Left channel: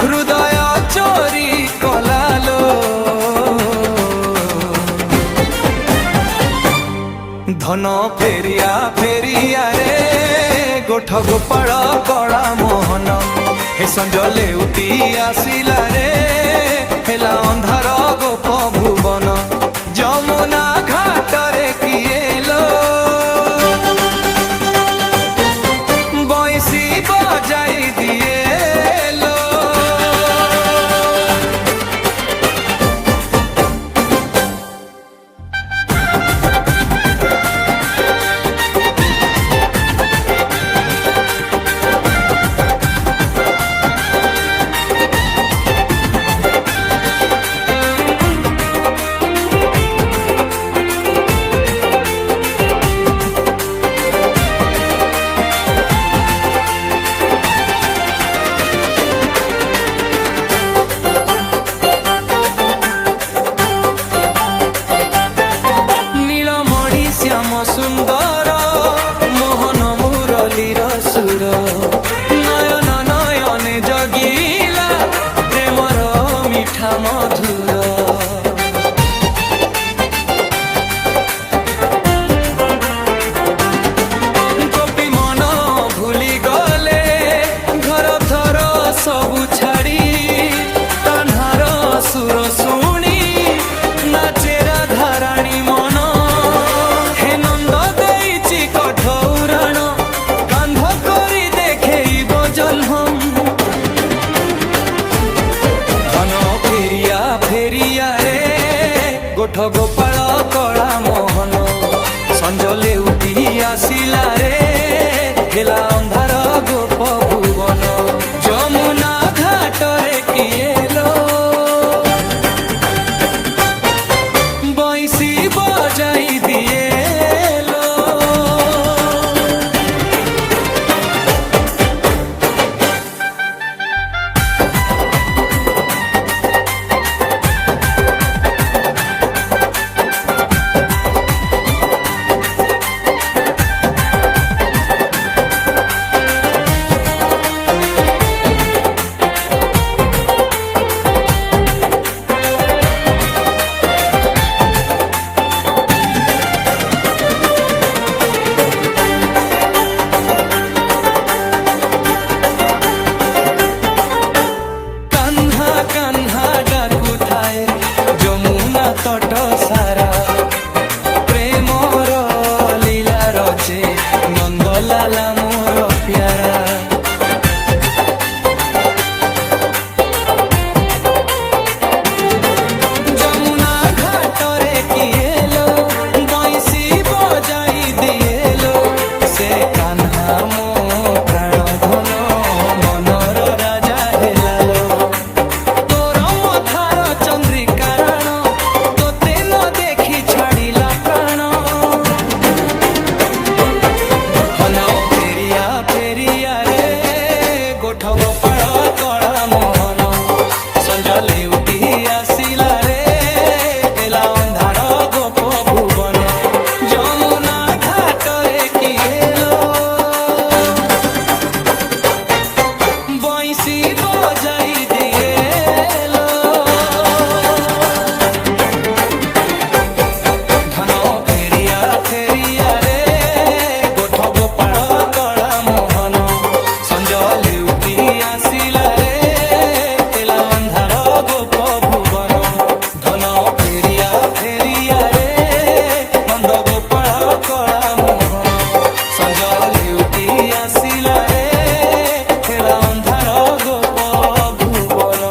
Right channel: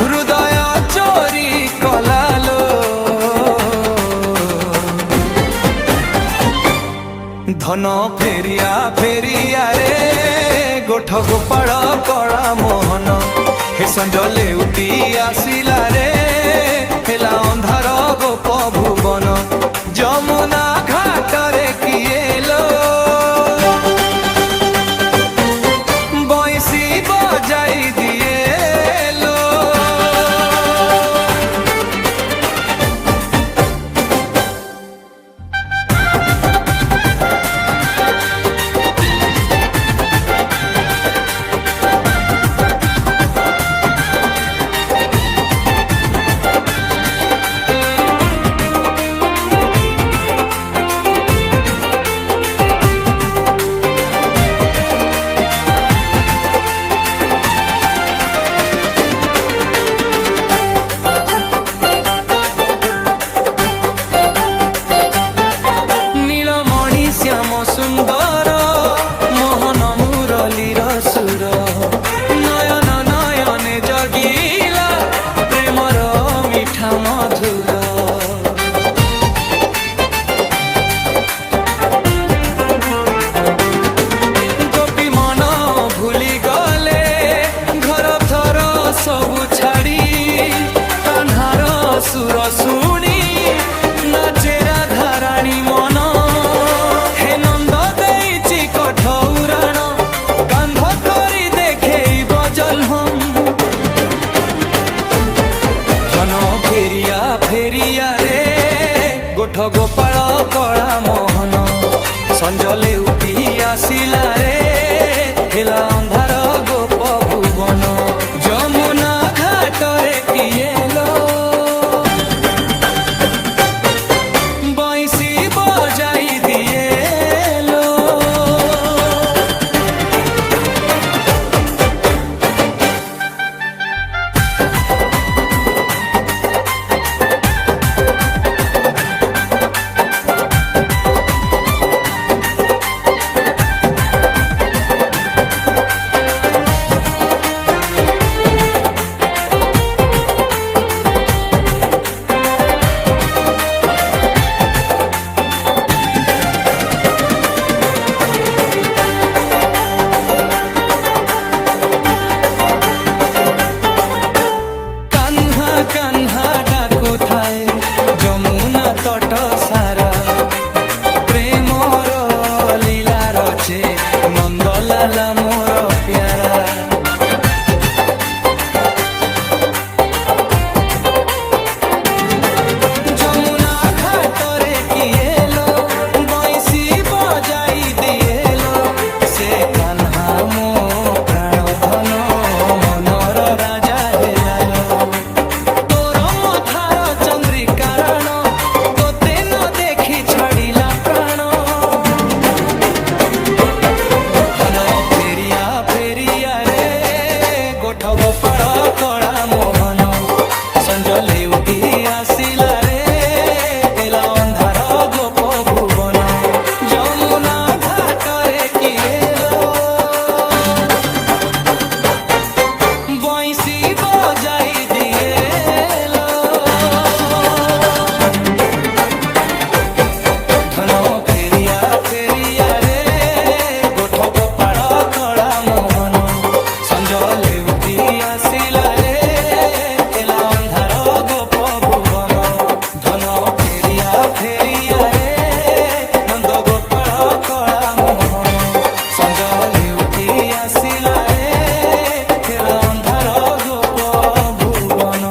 हृदय चोरी कलालो धन फेरिया फेरिया रे गोठ गोपाल कला मोहन हे संजले उठी आसिला रे हेला अंधार गोप भुवन जमुना घाट रे किएलो बंसी बजाई दिएलो श्याम सुंदर मोहन मुरलीर सुर नयन नयने जगिला प्रेमर मिठा मधुर गोपी मन भूली गले घर थर सबु छाड़ी कान्हार सुर शुणी नाचे राधाराणी मन कठौराण कांध करी देखेब जन्म धन फेरिया फेरिया रे गोठ गोपाल कला मोहन संजले उठी आसिला रे हेला अंधार गोप भुवन जमुना घाट रे किएलो बंसी बजाई दिएलो कान्हा डाकु थाए जमुना तट सारा प्रेमर लीला रचे नंदलाला मोर प्यारा जमुना घाट रे किएलो बंसी बजाई दिएलो से कान्हा मो प्राण धन मनर राजा हेलालो चंद्रिकारण तोते न देखी छाड़िला प्राण हन फेरिया फेरिया रे गोठ गोपाल कला मोहन संजले उठी आसिला रे हेला अंधार गोप भुवन जमुना घाट रे किएलो बंसी बजाई दिएलो धन फेरिया फेरिया रे गोठ गोपाल कला मोहन संजले उठी आसिला रे हेला अंधार गोप भुवन धन फेरिया फेरिया रे नंद गोपाल कला मोहन संजले उठी आसिला रे हेला अंधार गोप भुवन।